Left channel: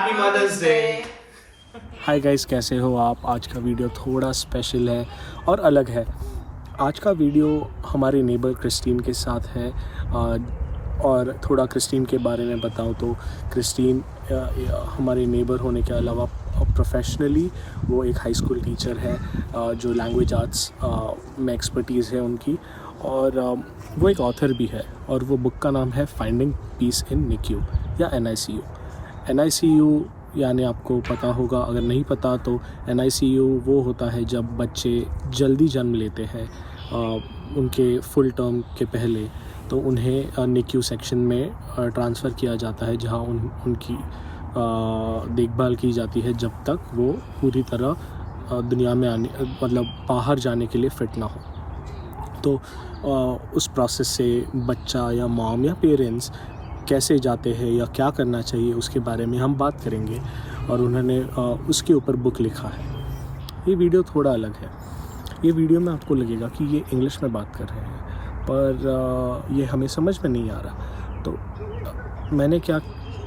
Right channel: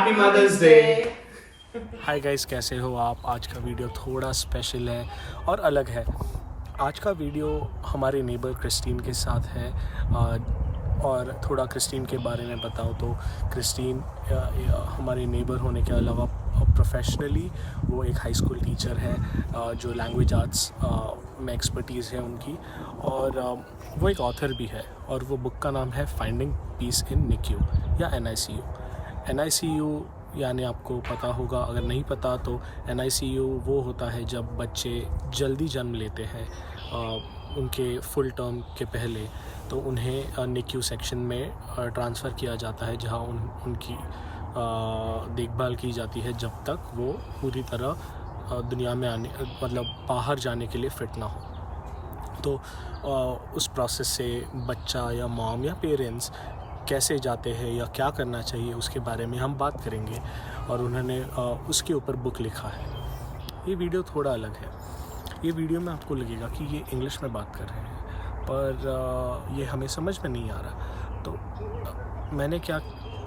Happy Mother's Day. Hi guys, कैसे हो आप? आज का वीडियो थोड़ा स्पेशल है और अलग है। आज का वीडियो हमारे नेबर क्रिस्टीन के साथ है। और थोड़ा क्रिस्टीन के बारे में बताऊं तो क्रिस्टीन हमारे नेबर होने के अलावा प्रोफेशनली वो एक हाई स्कूल टीचर है, जो लैंग्वेज आर्ट्स में एक्सपर्टीज़ है उनकी, और वो एक ऑथर भी है। और वो बुक का नाम है फाइंडिंग पीस इन निक्यू या NICU। NICU यानी आपको पता होगा, अगर नहीं पता तो NICU वो होता है जब बच्चे जल्दी जन्म लेते हैं उनके फुल टर्म के पहले, तो उन्हें NICU सेक्शन में ट्रांसफ़र किया जाता है, जहां उनकी देखभाल की जाती है जब तक वो पूरी तरह दुनिया में आने मतलब बाहर जाने के लिए फ़िट ना हो। तो उस प्रोसेस से बच्चा या मॉम या पेरेंट्स कैसे जाते हैं या क्या करना चाहिए उसके बारे में हम बात करेंगे, और उन्होंने उसके ऊपर बुक लिखा है। ये वीडियो थोड़ा अलग है। ये वीडियो में आपको लगेगा कि ये इंग्लिश में बात कर रहे हैं, पर ये हमें समझ में नहीं आ रहा। तो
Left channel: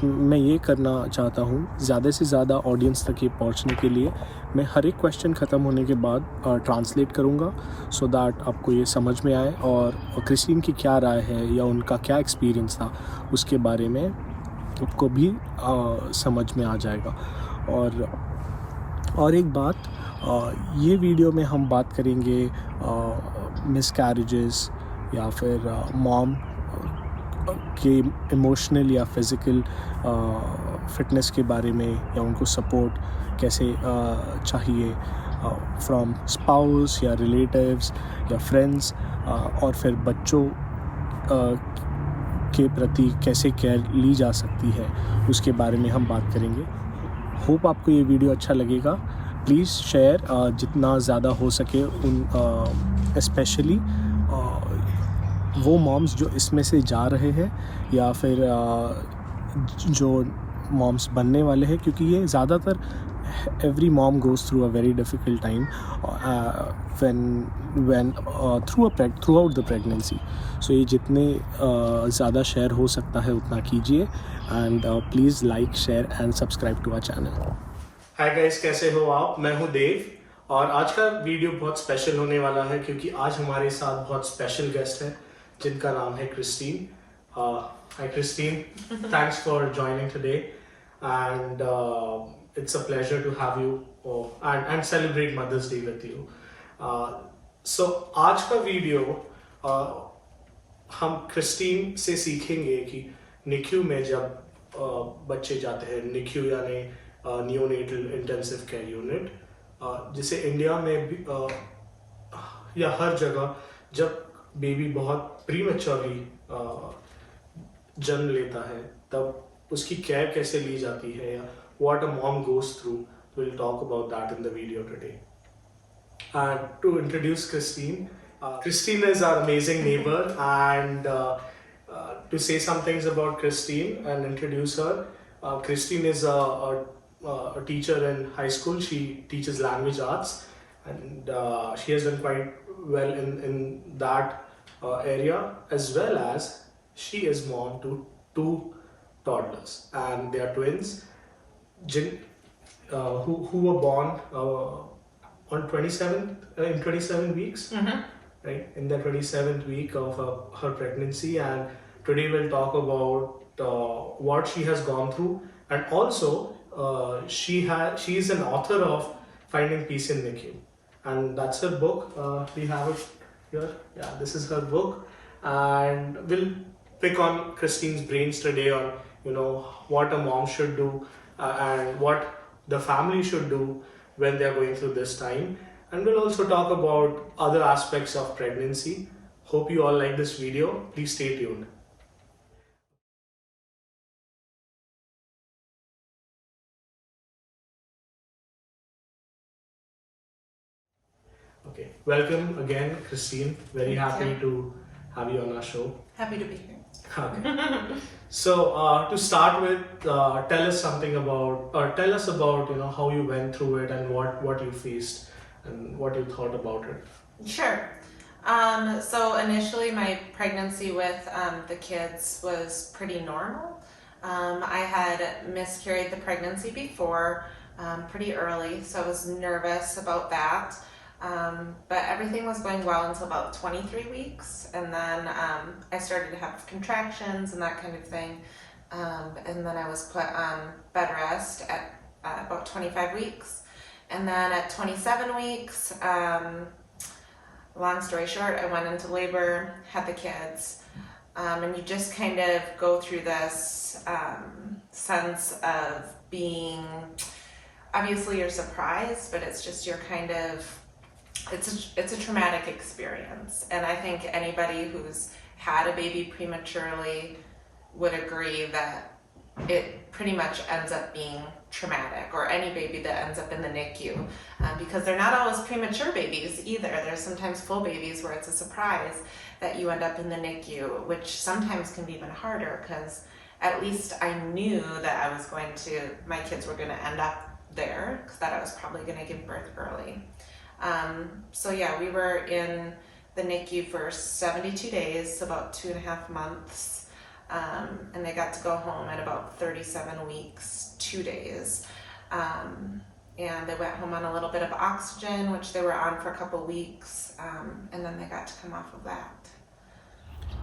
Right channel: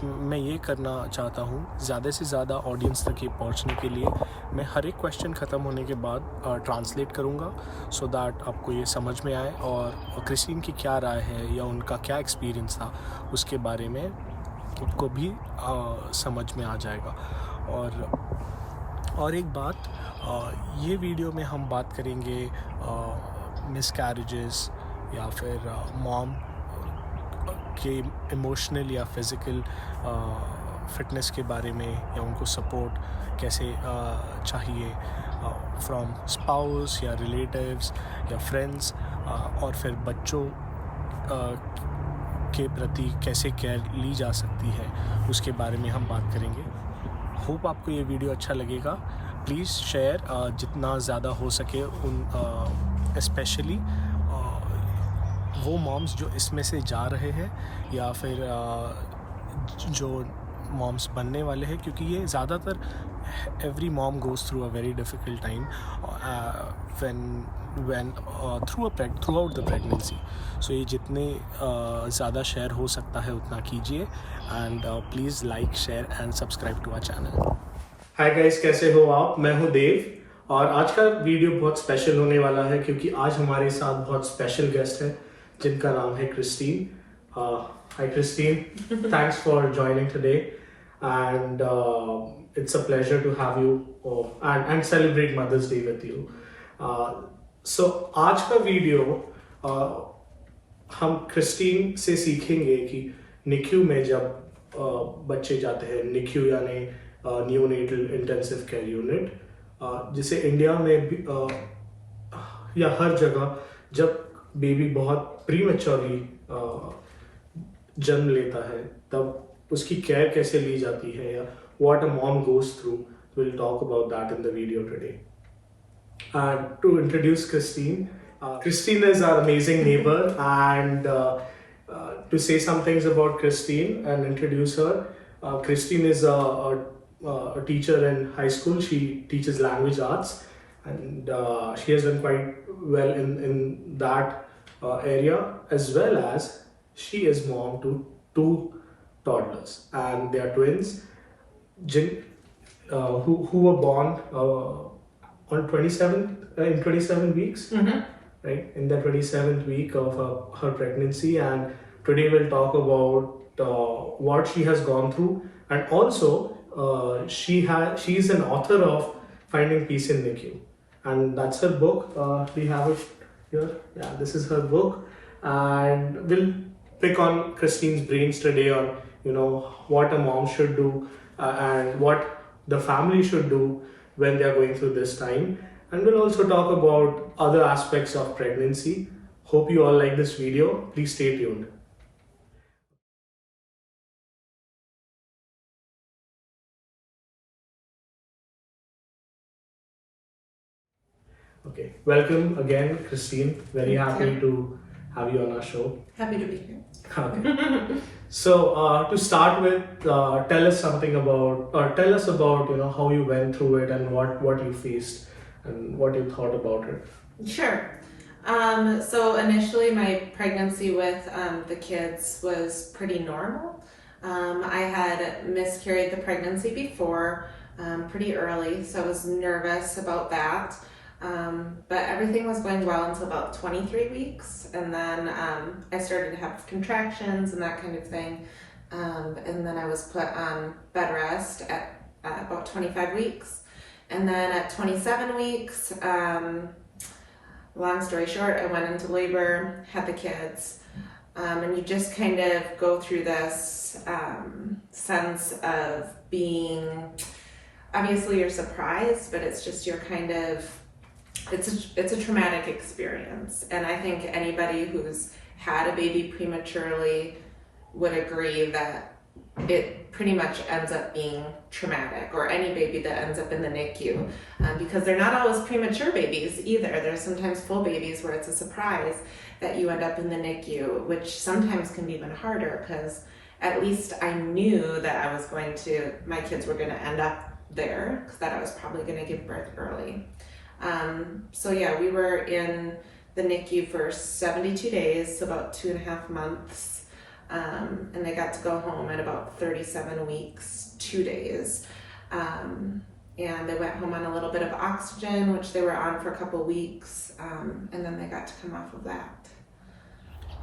मैं ये करना चाहता हूँ, ज़्यादा से ज़्यादा ऑडियंस तक ये पहुँचने के लिए मैं हर एक क्वेश्चन ख़त्म होने के बाद ट्रांसलेट करूँगा, सो दैट आपको ये समझ में आए और क्रिस्टीन की क्या राय है या उनका क्या एक्सपीरियंस था उसके बारे में आपको भी समझ में आ जाएगा। और एक बात, ये वीडियो में हम बात करेंगे मिसकैरेजेस या फिर मॉम के इमोशनल या फिज़िकल फ़िटनेस के बारे में, या उनको सपोर्ट कैसे चाहिए फ्रॉम स्पाउस या रिलेटिव्स या फ्रेंड्स, और फिर बच्चों के प्रति कैसे केयर ली जा सकती है उसके बारे में हम बात करेंगे। होप आपको ये वीडियो अच्छा लगेगा। प्लीज़ शेयर जितना ज़्यादा हो सके उन स्पेशली वो मॉम्स जो इसमें से जा रहे हैं या फिर जो मॉम्स बनने वाले हैं, क्योंकि ये ज़्यादातर every mom goes through a very difficult time when throughout the pregnancy। सो ये जितने ज़्यादा शेयर हो सकता है उतना कीजिए, and please like, share and subscribe to our channel. Hi guys, कैसे हो आप? मैं हूं देव, और आज का वीडियो बहुत स्पेशल होने वाला है क्योंकि आज हमारे साथ बहुत स्पेशल गेस्ट है जिनका नाम है Christine. Hi Christine, thanks for joining today, and it's a pleasure to have you and celebrate Mother's Day with you. So आज का वीडियो हम क्रिस्टीन से सीखेंगे कि निक्यू में जब बच्चे जाते हैं, निक्यू यानी न्यूनेटल इंटेंसिव केयर यूनिट, जिसे इंडिया में भी या हर जगह जब बेबी बहुत प्रीमेच्योरली जन्म लेता है तब उसकी केयर कैसे ली जाती है, या what a mom goes through. Will talk about that in the video today. And to introduce Kristine, Kristine is our amazing neighbor, and to say some things about Kristine and introduce her, Kristine is a teacher in high school. She teaches language arts, and she has done quite well in that area, as well as she is mom to 2 toddlers, and they are twins who were born on 27 weeks, right, in the 27th week of her pregnancy. And today we'll talk about what she has gone through, and also she's an author of Finding Peace in NICU, and that's her book. We have it here. Yeah, this is her book, and we'll pick on Kristine's brains today on what a mom should do and what the family should do when they are going through this time. And we'll also talk about other aspects of pregnancy. Hope you all like this video. Please stay tuned. Okay, welcome again, Kristine. Very happy to have you on our show. Happy to be here. Okay. So to start with, tell us about how you went through it and what you faced and what you thought about it. Sure. So initially my pregnancy with the kids was pretty normal. I had miscarried the pregnancy before, pretty early, so I was nervous about that. But everything was going well until about 23 weeks, and then I started to have contractions and that kind of thing. And then I was put on bed rest at about 25 weeks. And then at 27 weeks, long story short, I went into labor, had the kids. And you just kind of go through this sense of being, obviously you're surprised, but it's just you're kind of, it's a traumatic experience. And I think anybody who's had a baby prematurely would agree that it pretty much ends up being traumatic, or any baby that ends up in the NICU, because they're not always premature babies either. There's sometimes full babies where it's a surprise that you end up in the NICU, which sometimes can be even harder, because at least I knew that I was going to, my kids were going to end up there, because that I was probably going to give birth early. So yeah, we were in the NICU for 72 days, so about 2.5 months. And I got to go home at about 37 weeks, 2 days. And they went home on a little bit of oxygen, which they were on for a couple weeks, and then they got to come off of that.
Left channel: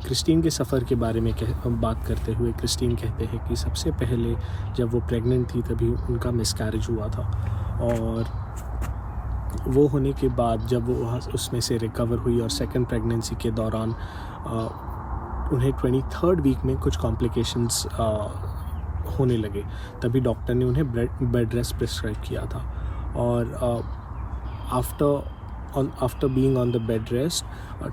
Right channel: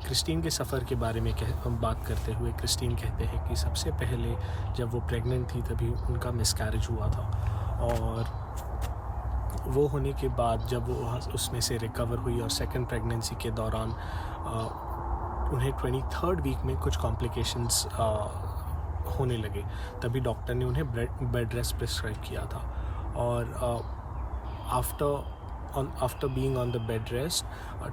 Christine के सफ़र के बारे में बात करते हुए Christine कहते हैं कि सबसे पहले जब वो प्रेग्नेंट थी तभी उनका मिसकैरेज हुआ था, और वो होने के बाद जब वो उसमें से रिकवर हुई और सेकंड प्रेगनेंसी के दौरान उन्हें 23rd वीक में कुछ कॉम्प्लिकेशंस होने लगे, तभी डॉक्टर ने उन्हें बेड रेस्ट प्रिस्क्राइब किया था. और after being on the bed rest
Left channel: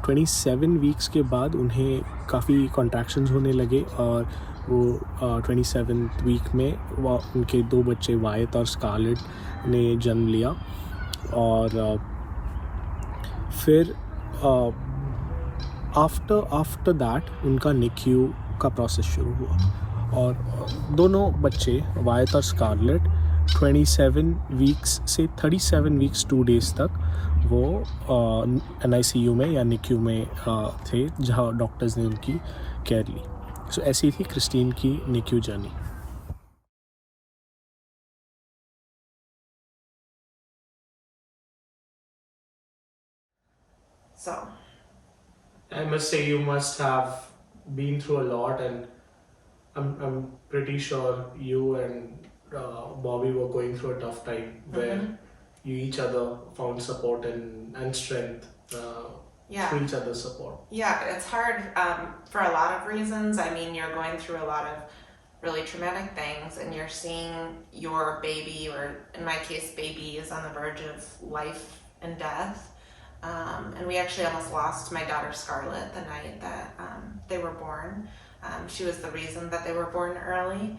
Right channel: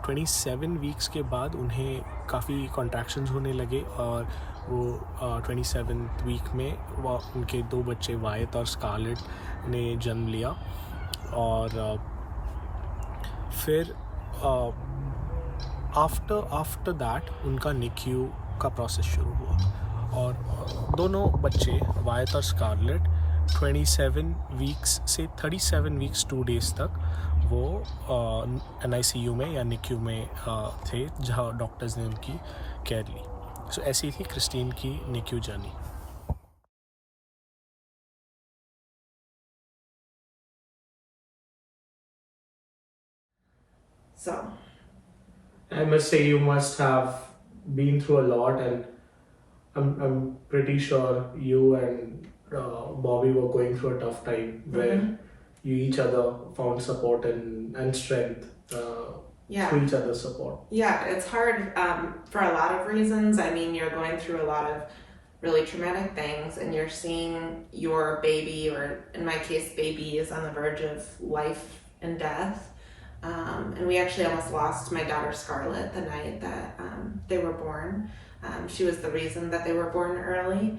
27 weeks के बाद उन्हें काफ़ी कॉन्ट्रैक्शंस होने लगे, और वो 27th वीक में वो उनके 2 बच्चे वायत और स्कारलेट ने जन्म लिया. और फिर आफ्टर दैट उनका NICU का प्रोसेस शुरू हुआ, और दोनों बच्चे वायत और स्कारलेट 27 वीक्स से 37 वीक्स 2 डेज़ तक वो NICU में या NICU में थे, जहाँ डॉक्टर्स ने उनकी केयर ली. सो ऐसी थी क्रिस्टीन की NICU journey. So I must say you must have been through a lot, and I'm pretty sure you and Bobby were going through a tough time where you each other found support and strength through each other's support. Yeah, it's hard for a lot of reasons. I mean, you're going through a lot of really traumatic things, and you're seeing your baby, or in my case, baby, is on the verge of life and death. And we actually almost lost my daughter Scarlett the night that they were born. She was the reason that they were born early.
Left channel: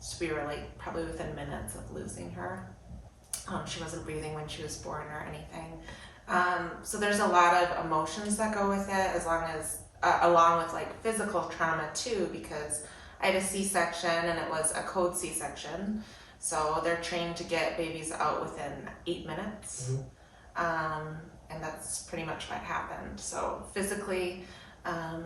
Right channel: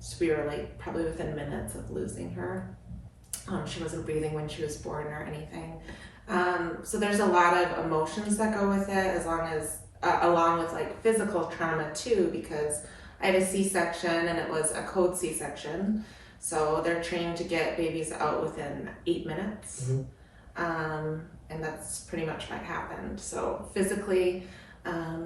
So we were like probably within minutes of losing her. She wasn't breathing when she was born or anything. So there's a lot of emotions that go with it, along with like physical trauma too, because I had a C-section and it was a code C-section. So they're trained to get babies out within 8 minutes. And that's pretty much what happened. So physically,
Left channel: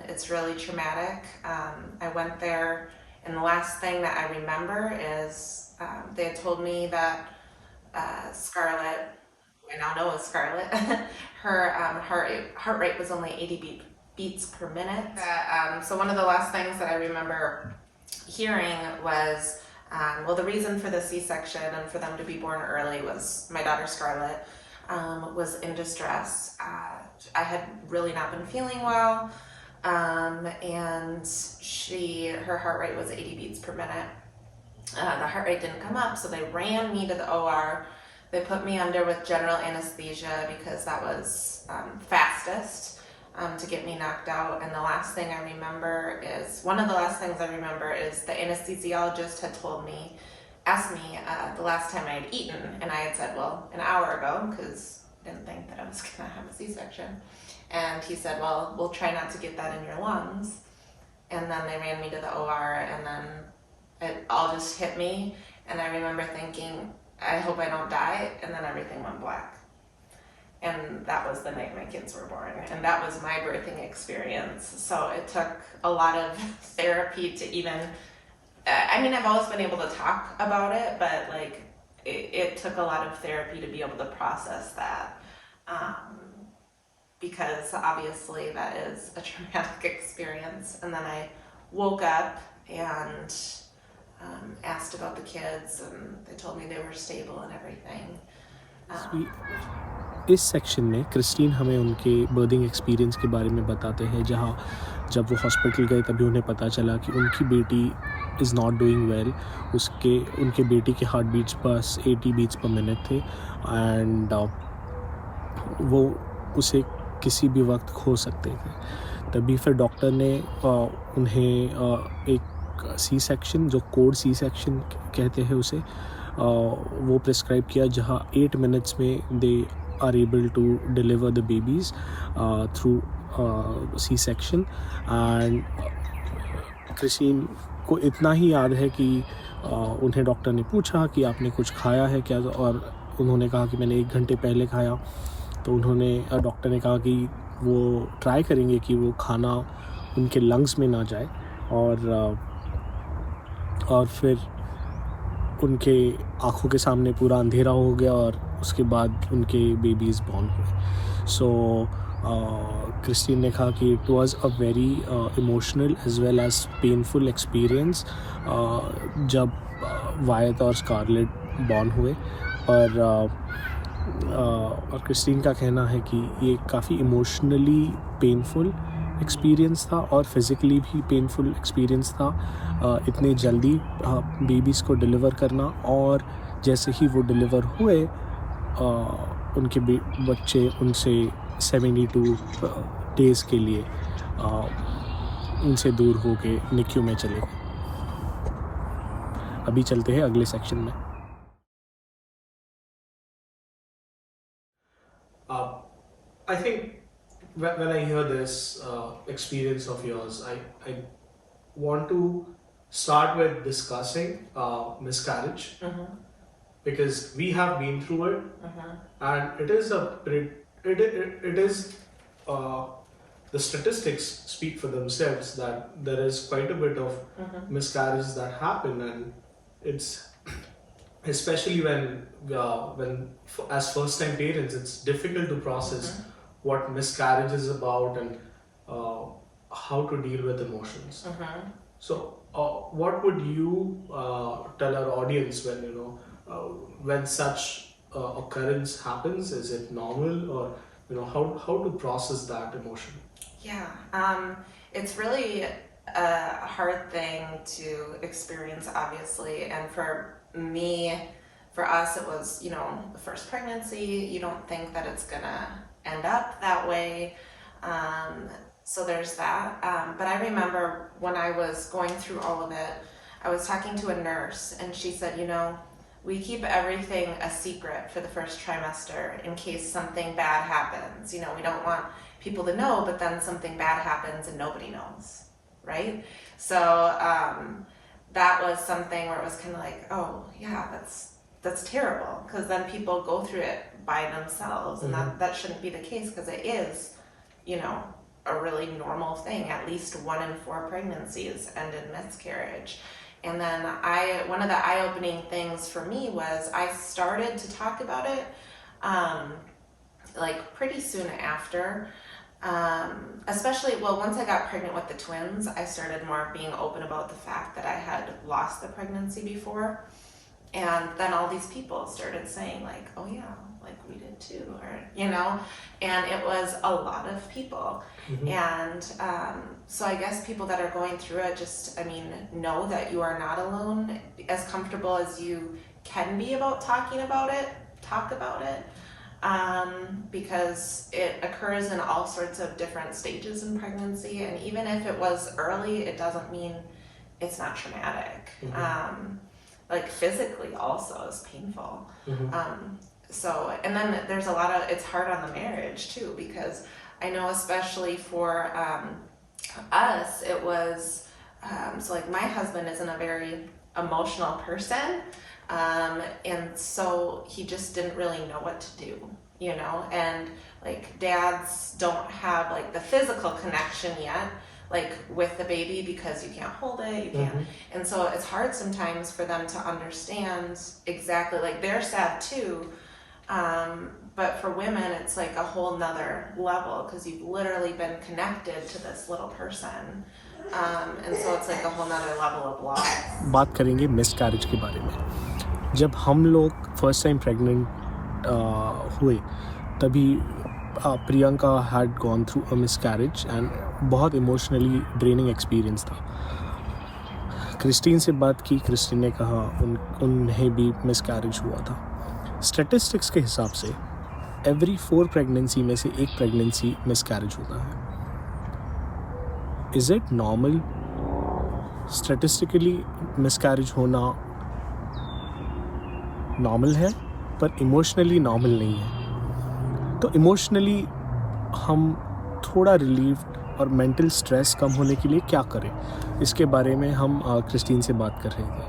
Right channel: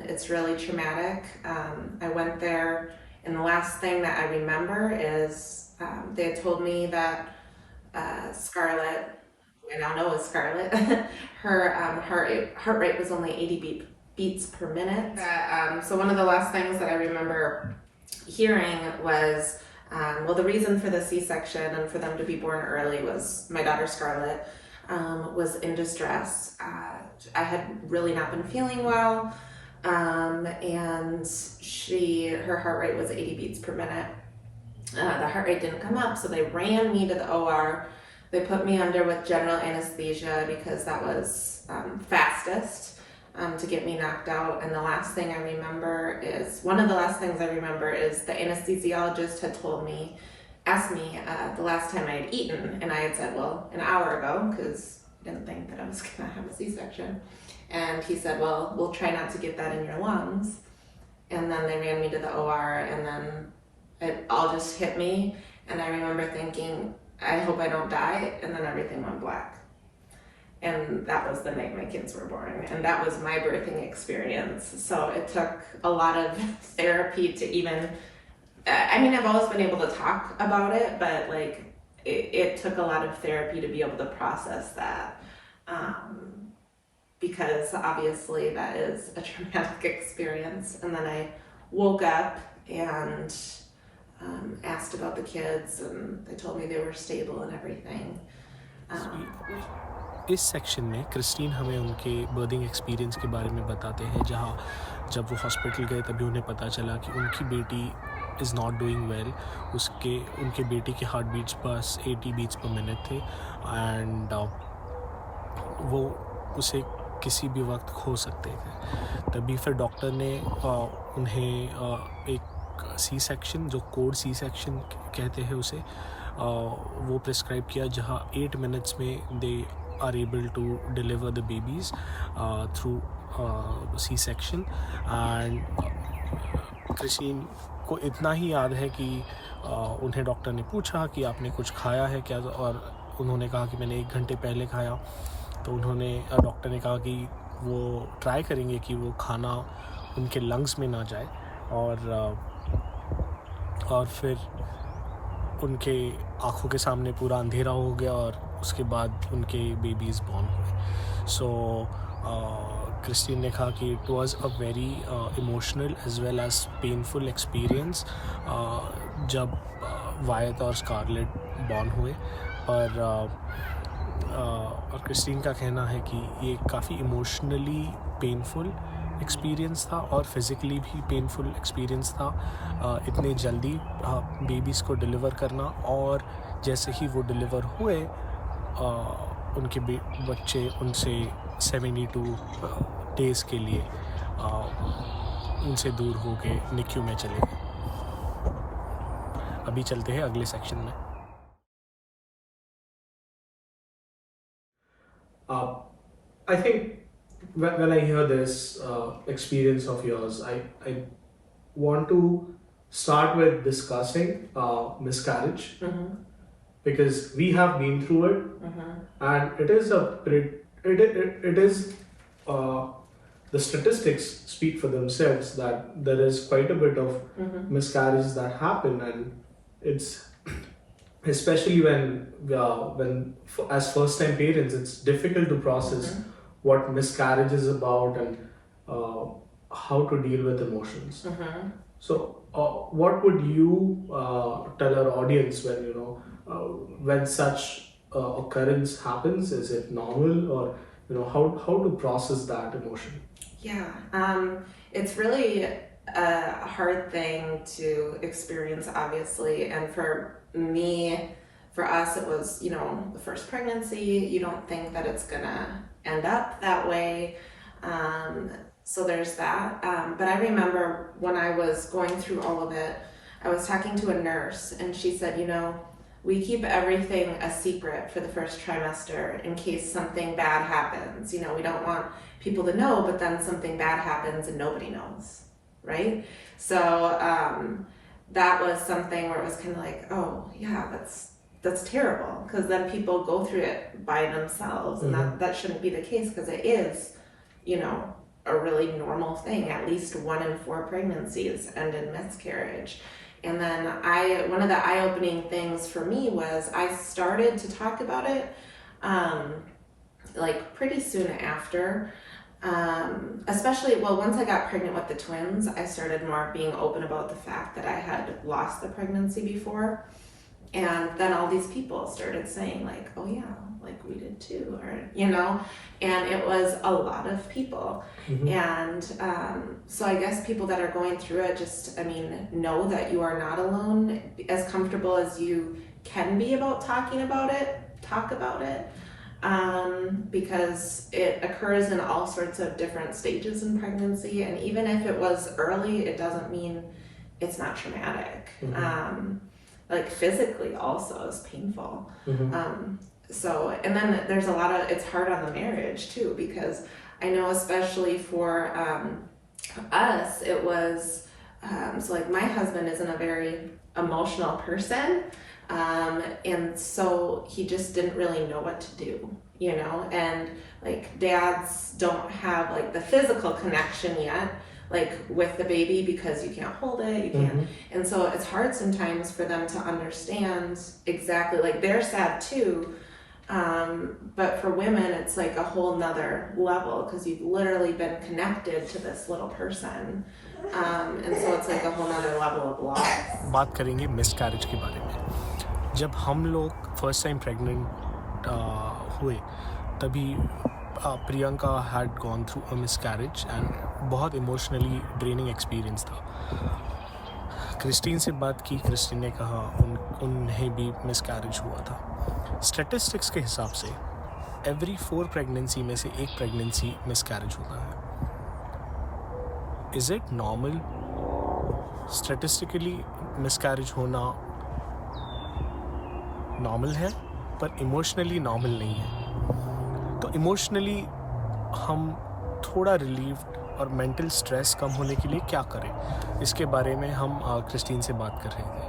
it's really traumatic. I went there, and the last thing that I remember is they had told me that Scarlett, I now know is Scarlett, her heart rate was only 80 beats per minute. So one of the last things that I remember hearing was, well, the reason for the C-section and for them to be born early was my daughter Scarlett was in distress. I had really not been feeling well, and her heart rate was 80 beats per minute. The heart rate didn't come up, so they ran me to the OR. They put me under with general anesthesia because that was fastest to get me knocked out. And one of the last things I remember is the anesthesiologist had asked me the last time I had eaten, and I had said, well, an hour ago, because I didn't think that I was gonna have a C-section. And he said, well, we'll try not to get that in your lungs. And then they ran me to the OR, and then it all just hit me. And I remember thinking, I hope I don't die, and then everything went black. And that was the night my kids were born, and that was my birthing experience. So it took a lot of therapy to even I mean, I've always been able to talk about it, but like it took a lot of therapy to be able to process that, because obviously that is a traumatic experience. And then I woke up and asked about the kids, and they told me they were stable and everything. इस section में Christine हमें उनके berthing experience के बारे में बताते हैं, जहाँ जब वो हॉस्पिटल गए तभी उन्हें पता चला कि उनकी बेटी इज़ नॉट डूइंग वेल. उनके बेटी के हार्ट बीट्स बस 80 बीट्स पर मिनट थे, एंड वो उसे किसी भी वक्त खो सकते थे. तभी फिर डॉक्टर ने उन्हें एक सी सेक्शन, जो कोड सी सेक्शन कहते हैं उसे, वो प्रिस्क्राइब किया, जहाँ 8 मिनट्स में दे are able to deliver the babies through C-section. And Christine को इतना ही याद है कि उन्हें डॉक्टर ने पूछा कि आपने कुछ खाया है क्या, और उन्होंने कहा कि मैंने 1 घंटे पहले खाया. तो डॉक्टर ने कहा कि वो ट्राई करेंगे कि वो खाना उनके लंग्स में ना जाए, और फिर उनके आँखों के सामने पूरा अंधेरा हो गया, और उसके बाद उनके बेबीज़ बॉर्न हुए. सो क्रिस्टीन ने कहा कि it was a very emotional as well as painful experience जब वायत और स्कारलेट बॉर्न हुए. और क्रिस्टीन का कहना है कि ये काफ़ी इमोशनली पेनफुल एक्सपीरियंस था और फिज़िकली भी पेनफुल एक्सपीरियंस था. इतने जल्दी बेबीज़ को डिलीवर करना, और जैसे ही वो डिलीवर हुए उनके बच्चे उनसे 72 डेज़ के लिए उनसे दूर हो के NICU में चले गए. अभी चलते हैं अगले सेक्शन में. I think when I hear this experience of yours, I want to start with discussing miscarriage, because we have been through it, and it is the statistics speak for themselves that there is quite a bit of miscarriages that happen, and it's especially when as first time parents, it's difficult to process what miscarriage is about and how to deal with emotions. So what would you tell our audience when such occurrence happens? Is it normal, or how to process that emotion? Yeah, it's really a hard thing to experience, obviously, and for us, it was, the first pregnancy. You don't think that it's gonna end up that way. So there's that. But I remember when I was going through all of it, I was talking to a nurse, and she said, we keep everything a secret for the first trimester in case something bad happens. We don't want people to know, but then something bad happens and nobody knows, right? So that was something where it was kind of like, oh yeah, that's terrible, because then people go through it by themselves, and that shouldn't be the case, because it is, a really normal thing. At least 1 in 4 pregnancies end in miscarriage. And then one of the eye-opening things for me was I started to talk about it like pretty soon after. Especially, once I got pregnant with the twins, I started more being open about the fact that I had lost the pregnancy before. And then all these people started saying like, oh yeah, like we did too, or, and it was a lot of people. And so I guess people that are going through it just, know that you are not alone. As comfortable as you can be about talking about it, talk about it. Because it occurs in all sorts of different stages in pregnancy, and even if it was early, it doesn't mean it's not traumatic. Like physically also is painful. So, and then there's it's hard on the marriage too, because I know especially for us, it was, so like my husband isn't a very emotional person. And so he just didn't really know what to do, and like dads don't have like the physical connection yet. like with the baby because you can't hold it, you can't, and so it's hard sometimes for them to understand exactly, like they're sad too, but for women it's like a whole nother level because you've literally been connected to this little person, and so it's like a whole nother level of loss. बात करेंगे miscarriage के बारे में। जब हम लोग first time pregnant हुए तभी Priyanka had gone through a miscarriage and बहुत इमोशनली ड्रेनिंग एक्सपीरियंस था। क्रिस्टीन से बात की, क्रिस्टीन ने कहा उन्हें भी मिसकैरेज हुआ था। स्टैटिस्टिक्स के हिसाब से एवरी 4 प्रेगनेंसी में से एक प्रेगनेंसी मिसकैरेज होता है। Is it normal? Statistically miscarriage होना नॉर्मल है, पर इमोशनली नॉर्मल नहीं है। तो इमोशनली हम थोड़ा रिलीव और मेंटल स्ट्रेस कम होने के लिए क्या करें, इसके बारे में हम क्रिस्टीन से बात कर रहे थे।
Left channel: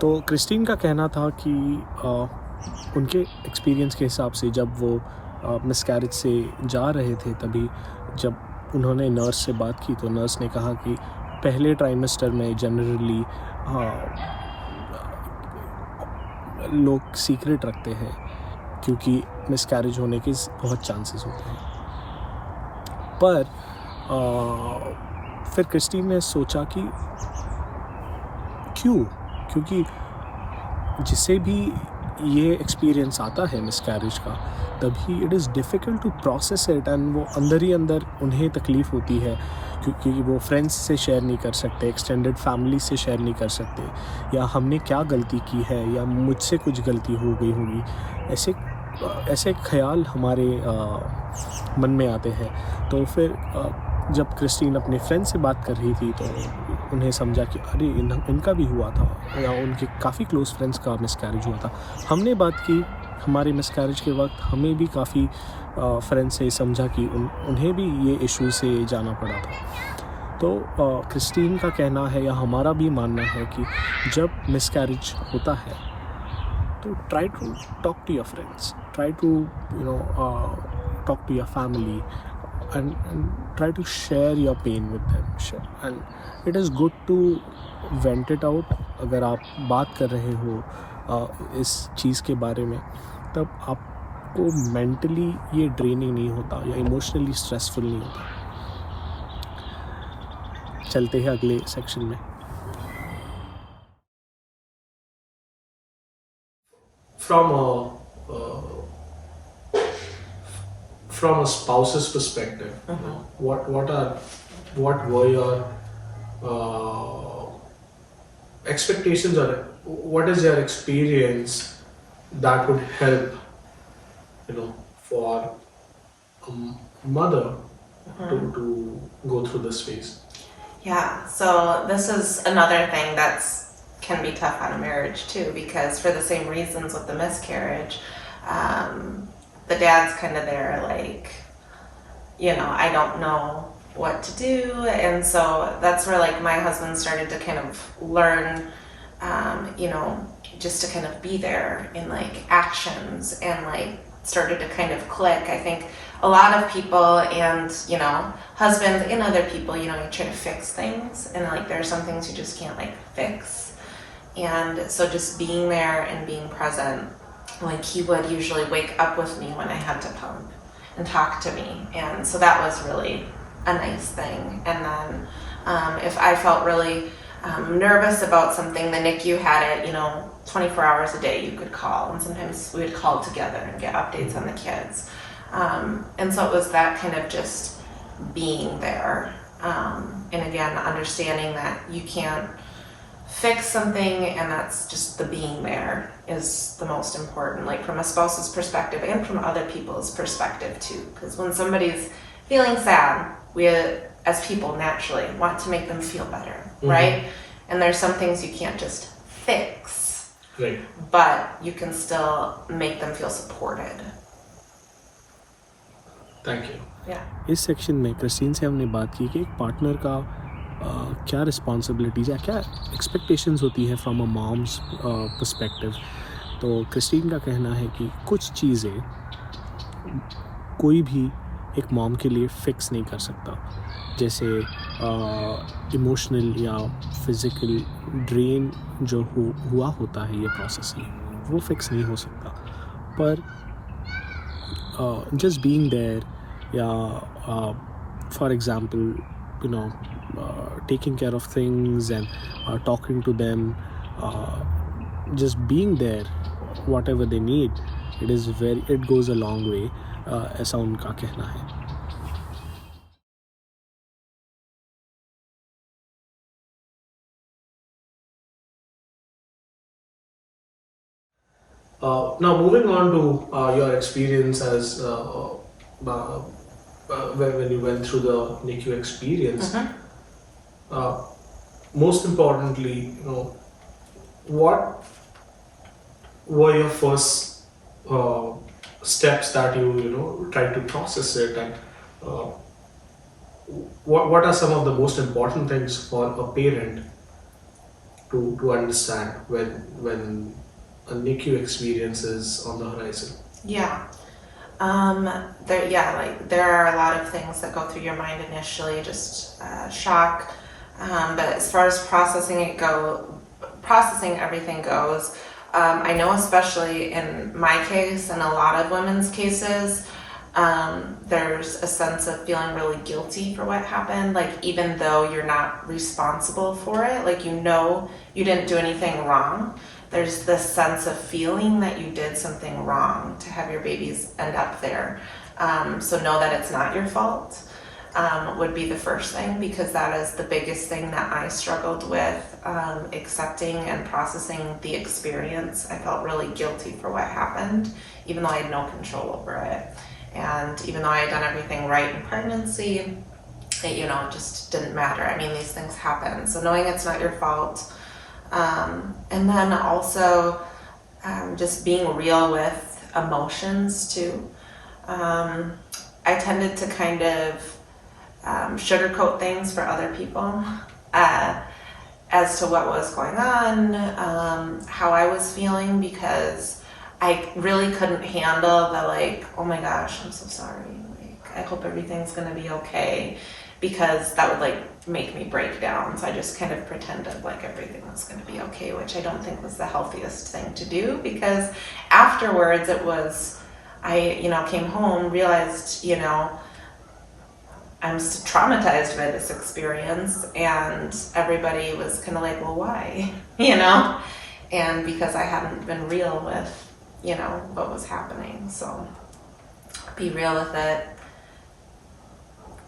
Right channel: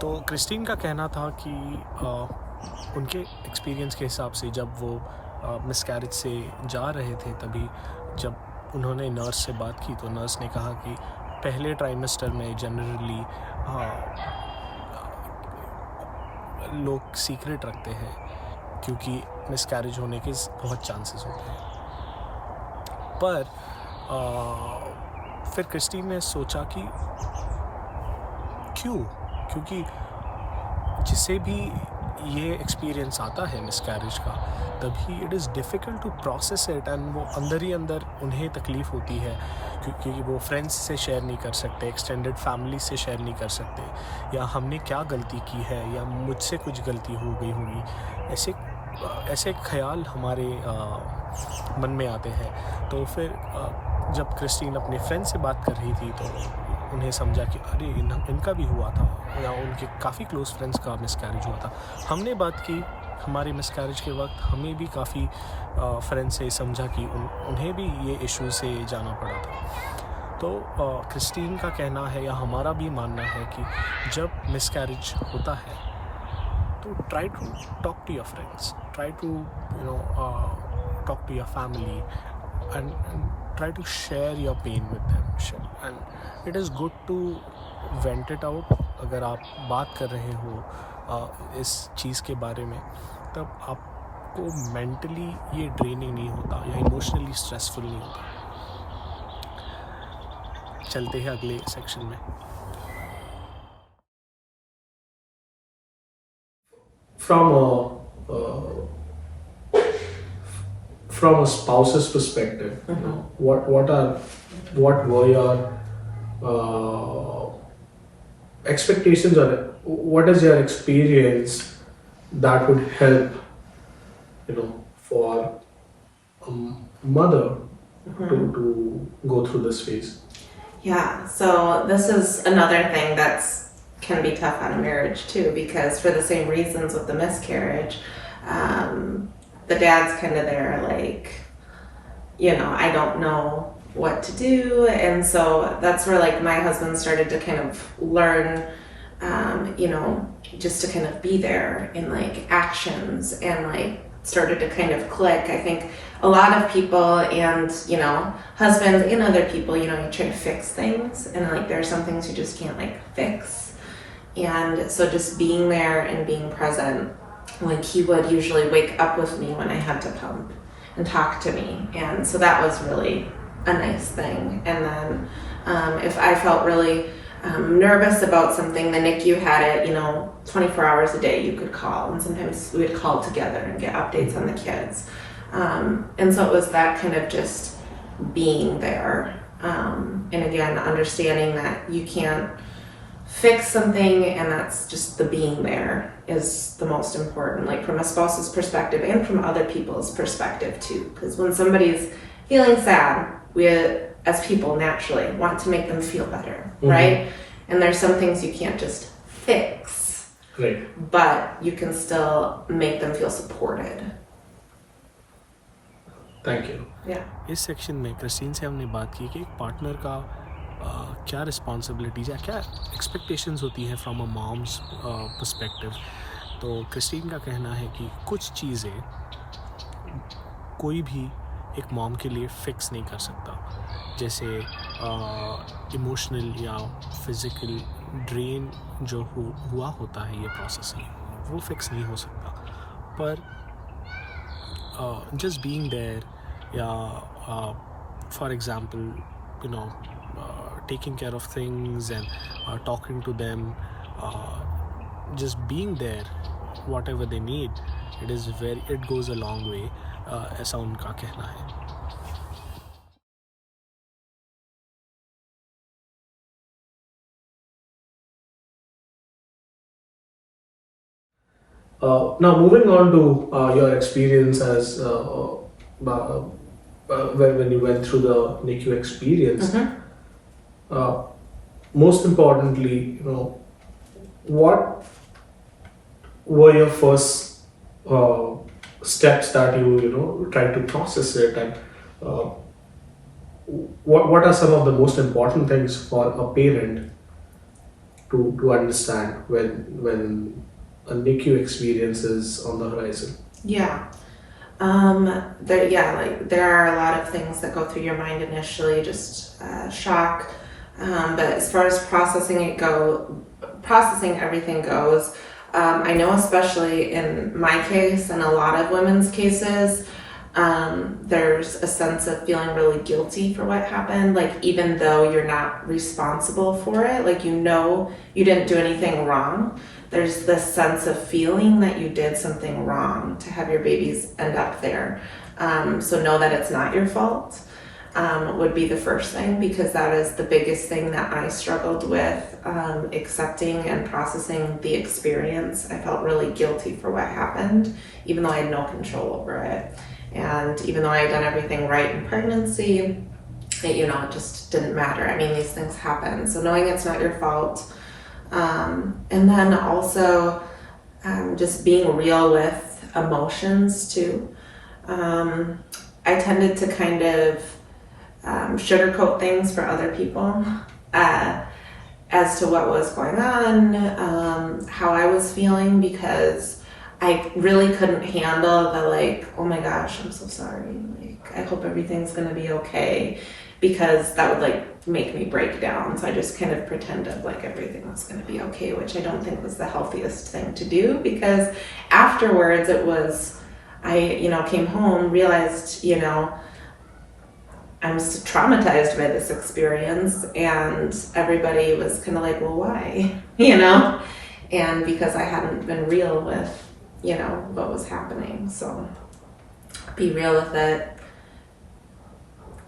तो क्रिस्टीन का कहना था कि उनके एक्सपीरियंस के हिसाब से जब वो मिसकैरेज से जा रहे थे तभी जब उन्होंने नर्स से बात की तो नर्स ने कहा कि पहले ट्राइमेस्टर में जनरली लोग सीक्रेट रखते हैं क्योंकि मिसकैरेज होने के बहुत चांसेस होते हैं। पर फिर क्रिस्टीन ने सोचा कि क्योंकि जिसे भी ये एक्सपीरियंस आता है मिसकैरेज का तभी it is difficult to process it and वो अंदर ही अंदर उन्हें तकलीफ़ होती है क्योंकि वो फ्रेंड्स से शेयर नहीं कर सकते, एक्सटेंडेड फैमिली से शेयर नहीं कर सकते, या हमने क्या गलती की है या मुझसे कुछ गलती हो गई होगी, ऐसे ख्याल हमारे मन में आते हैं। तो फिर जब क्रिस्टीन अपने फ्रेंड से बात कर रही थी तो उन्हें समझा कि अरे इनका भी हुआ था या उनके काफ़ी क्लोज़ फ्रेंड्स का मिसकैरेज हुआ था। हमने बात की हमारे मिसकैरेज के वक्त, हमें भी काफ़ी फ्रेंड्स से समझा कि उन्हें भी ये इशू से जाना पड़ा था। तो क्रिस्टीन का कहना है या हमारा भी मानना है कि जब मिसकैरेज होता है तो try to talk to your friends, try to talk to your family and try to share your pain with them, and it is good to vent it out। अगर आप बात कर रहे हो इस चीज़ के बारे में तब आपको मेंटली ये ड्रेनिंग नहीं होता या इमोशनली स्ट्रेसफुल नहीं होता। चलते हैं अगले सेक्शन में। From a spouse's perspective, you know, what were your expectations, or what is your experience that would help, you know, for a mother to go through this phase? Yeah, so this is another thing can be tough on a marriage too, because for the same reasons with the miscarriage, the dad's kind of there like, you know, I don't know what to do. And so that's where like my husband started to kind of learn, you know, just to kind of be there in like actions, and like started to kind of click. I think a lot of people, and you know, husbands and other people, you know, you try to fix things, and like there are some things you just can't like fix. And so just being there and being present, like he would usually wake up with me when I had to pump and talk to me, and so that was really a nice thing. And then if I felt really nervous about something, the NICU had it, you know, 24 hours a day you could call, and sometimes we would call together and get updates on the kids, and so it was that kind of just being there, and again understanding that you can't fix something, and that's just the being there is the most important, like from a spouse's perspective and from other people's perspective too, because when somebody's feeling sad, we as people naturally want to make them feel better, right? And there's some things you can't just fix, right, but you can still make them feel supported. Thank you. Yeah. इस section में Christine से हमने बात की कि एक partner का क्या रिस्पॉन्सिबिलिटीज़ या क्या एक्सपेक्टेशंस होती है फ्रॉम अ मॉम्स पर्सपेक्टिव। तो क्रिस्टीन का कहना है कि कुछ चीज़ें कोई भी एक मॉम के लिए फ़िक्स नहीं कर सकता। जैसे इमोशनल या फिज़िकल ड्रेन जो हुआ होता है ये प्रोसेस ही, वो फिक्स नहीं हो सकता, पर just being there, yeah, for example, you know, taking care of things and talking to them, just being there, whatever they need, it goes a long way, ऐसा उनका कहना है. Now moving on to your experience as when you went through the NICU experience. Most importantly, what were your first steps that you tried to process it, and what are some of the most important things for a parent to understand when a NICU experience is on the horizon? Yeah. There are a lot of things that go through your mind initially, just shock. But as far as processing everything goes, I know especially in my case and a lot of women's cases, there's a sense of feeling really guilty for what happened, like even though you're not responsible for it, like you didn't do anything wrong. There's this sense of feeling that you did something wrong to have your babies end up there. So know that it's not your fault, would be the first thing, because that is the biggest thing that I struggled with, accepting and processing the experience. I felt really guilty for what happened, even though I had no control over it. And even though I had done everything right in pregnancy, it just didn't matter. I mean, these things happen. So knowing it's not your fault. And then also just being real with emotions too. I tended to kind of sugarcoat things for other people as to what was going on, how I was feeling, because I really couldn't handle the oh my gosh, I'm so sorry. I hope everything's gonna be okay. Because that would make me break down. So I just kind of pretended like everything was going to be okay, which I don't think was the healthiest thing to do, because afterwards I came home, realized, I'm traumatized by this experience, and everybody was kind of like, well, why? And because I hadn't been real with, what was happening. So be real with it.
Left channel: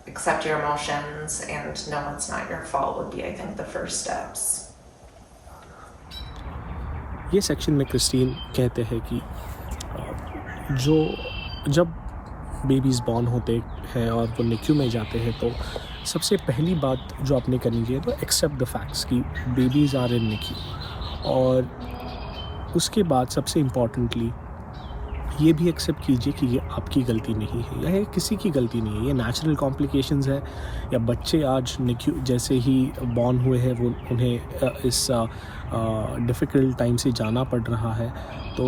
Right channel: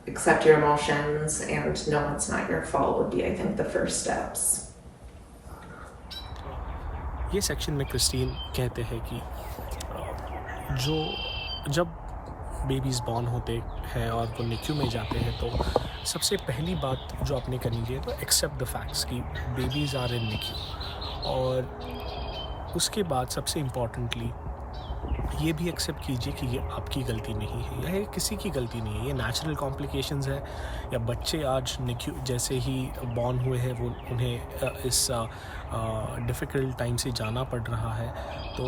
Accept your emotions and know it's not your fault would be, I think, the first steps. ये section में Christine कहते हैं कि जब babies born होते हैं और वो NICU में जाते हैं, तो सबसे पहली बात जो आपने करनी चाहिए तो एक्सेप्ट द फैक्ट्स कि बेबीज़ आर इन NICU, और उसके बाद सबसे इम्पॉर्टेंटली ये भी एक्सेप्ट कीजिए कि ये आपकी गलती नहीं है, यह किसी की गलती नहीं है, ये नेचुरल कॉम्प्लिकेशंस है, या बच्चे आज NICU जैसे ही बॉर्न हुए हैं वो उन्हें इस डिफ़िकल्ट टाइम से जाना पड़ रहा है, तो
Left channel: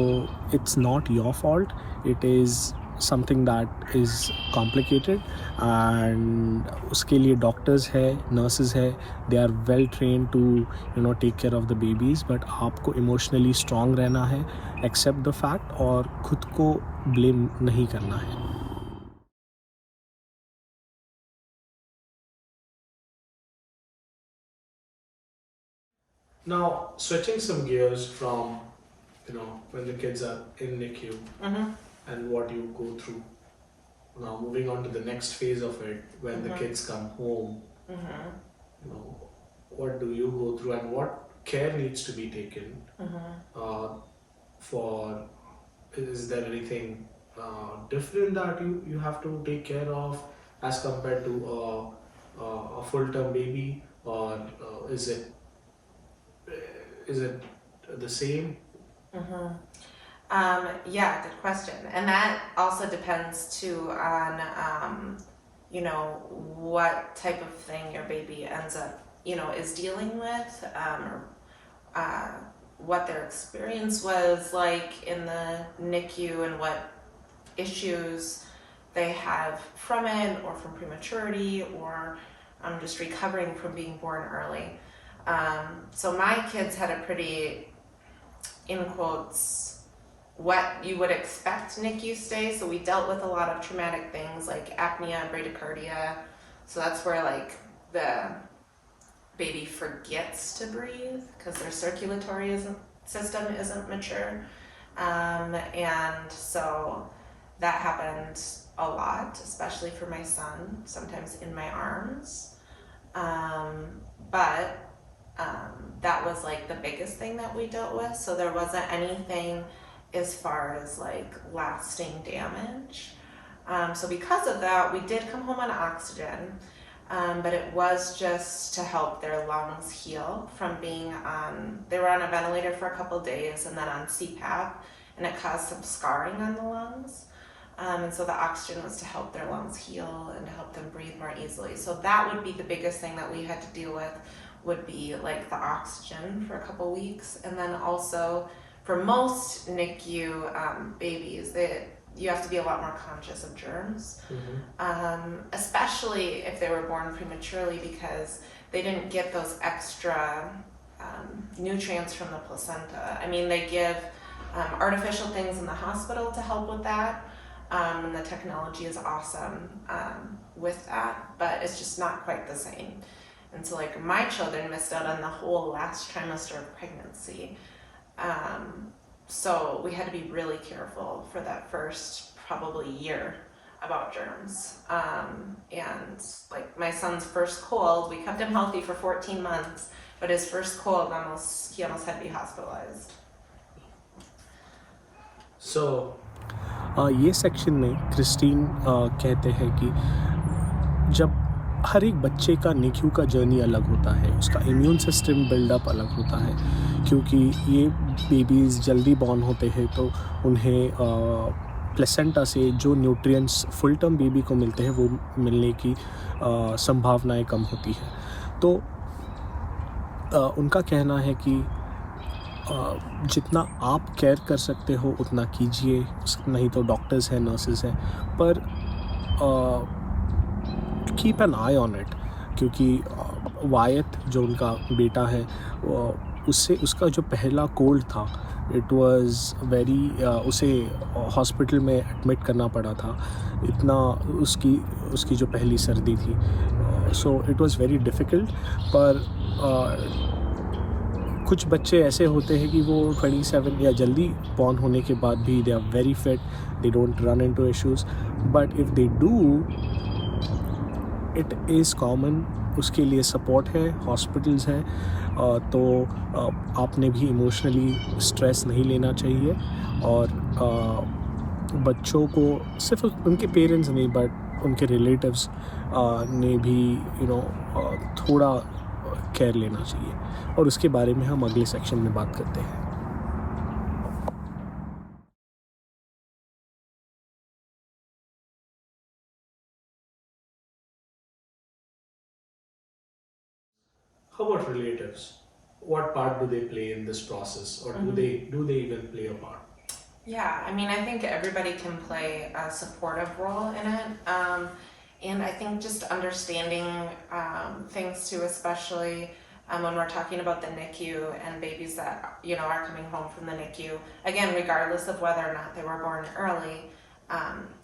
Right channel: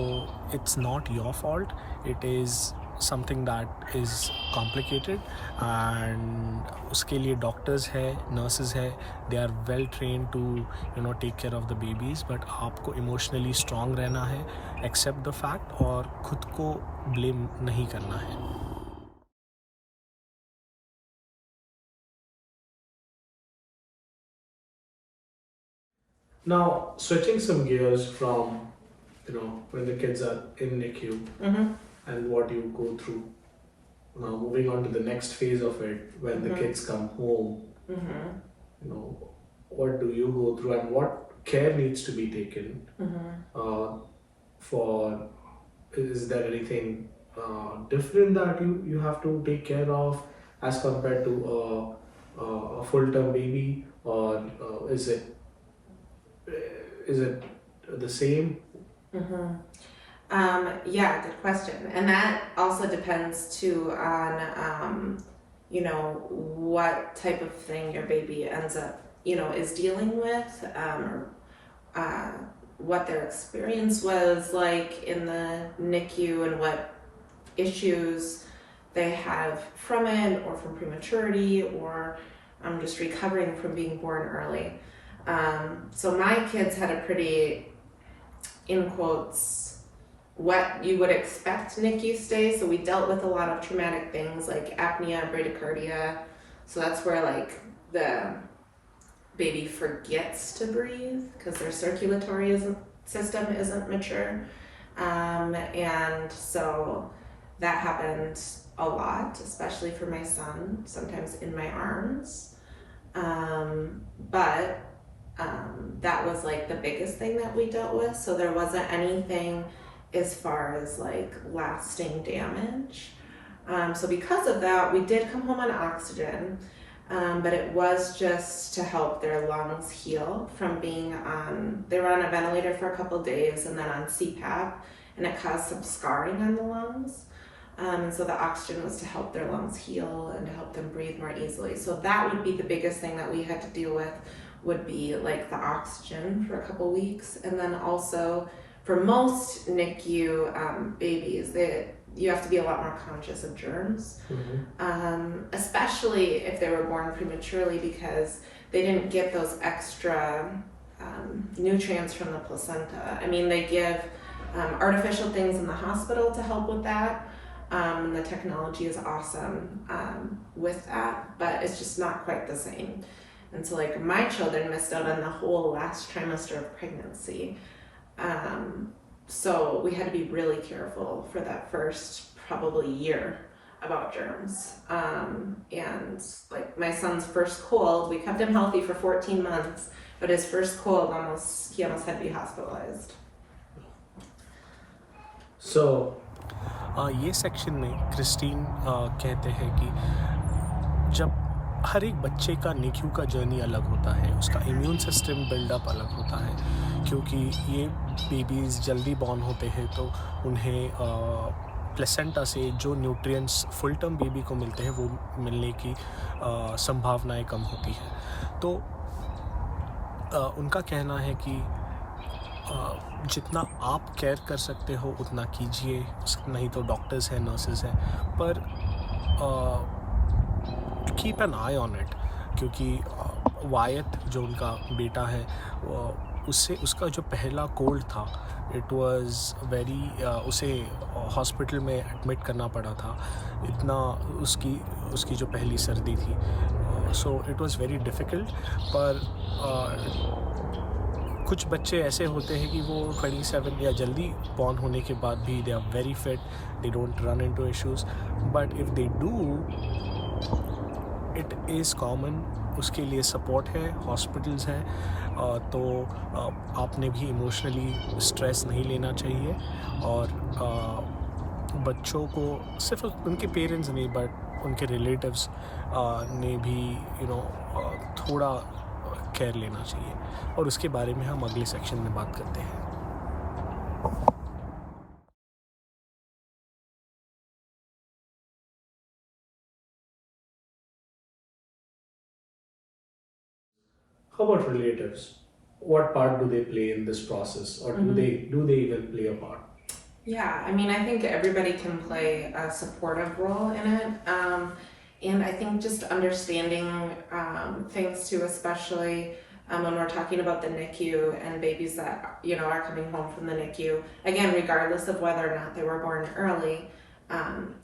it's not your fault, it is something that is complicated, and उसके लिए डॉक्टर्स है, नर्सेज है, they are well train to take care of the babies, but आपको इमोशनली स्ट्रॉन्ग रहना है, एक्सेप्ट द फैक्ट, और खुद को ब्लेम नहीं करना है. Now switching some gears from when the kids are in NICU and what you go through. Now moving on to the next phase of it, when the kids come home, what do you go through and what care needs to be taken is there anything different that you have to take care of as compared to a full-term baby, or is it the same? Yeah, good question. And that also depends too on, what type of thing your baby ends up, is dealing with, what their experience was like in the NICU and what issues they have from it or from prematurity, or just recovering from being born early. So my kids had a pretty, in quotes, what you would expect NICU stay. So we dealt with a lot of traumatic things like apnea, bradycardia. So that's where like the baby forgets to breathe because their circulatory system isn't mature. And so that happened a lot, especially for my son, sometimes in my arms. But that was like the biggest thing that we dealt with. So there wasn't anything as far as like lasting damage. So because of that, we did come home on oxygen, but it was just to help their lungs heal from being on, they were on a ventilator for a couple days and then on CPAP, and it caused some scarring on the lungs. And so the oxygen was to help their lungs heal and to help them breathe more easily. So that would be the biggest thing that we had to deal with, would be like the oxygen for a couple weeks. And then also for most NICU babies, you have to be a lot more conscious of germs, especially if they were born prematurely, because they didn't get those extra nutrients from the placenta. I mean, they give artificial things in the hospital to help with that. And the technology is awesome with that, but it's just not quite the same. And so like my children missed out on the whole last trimester of pregnancy. So we had to be really careful for that first probably year about germs. And like my son's first cold, we kept him healthy for 14 months, but his first cold, he almost had to be hospitalized. So ये section में Christine कहते हैं कि जब हर एक बच्चे का NICU का जर्नी अलग होता है, उसका इम्यून सिस्टम बिल्डअप अलग होता है, क्योंकि ये बेबीज़ जल्दी बॉर्न होते हैं तो उन्हें प्लेसेंटा से जो न्यूट्रिएंट्स फुल टर्म बेबी को मिलते हैं वो मिलने की संभावनाएं कम होती है। तो उनका कहना है कि जितना आप केयर कर सकते हो उतना कीजिए, नहीं तो डॉक्टर्स हैं, नर्सेस हैं, पर keep an I on it, क्योंकि वायत जो उनका बेटा है उसका जो पहला कोल्ड था, इट वाज वेरी, उसे हॉस्पिटल में एडमिट करना पड़ा था, इतना उसकी जो पहली सर्दी थी, so it was very difficult. पर कुछ बच्चे ऐसे होते हैं कि वो 27 या जल्दी बॉर्न होने के बाद भी they are very fit, they don't run into issues, but if they do, it is common, उसके लिए सपोर्ट है, हॉस्पिटल्स हैं, तो आपने भी इमोशनली स्ट्रेस नहीं लेना चाहिए। और बच्चों को सिर्फ उनके पेरेंट्स नहीं बट उनके रिलेटिव्स ने भी थोड़ा केयर लेना चाहिए, और उसके बारे में हम अगले सेक्शन में बात करते हैं। how about relatives? What part do they play in this process, or do they even play a part? Yeah, I mean, I think everybody can play a supportive role in it. And I think just understanding things too, especially when we're talking about the NICU and babies that, are coming home from the NICU, again, regardless of whether or not they were born early,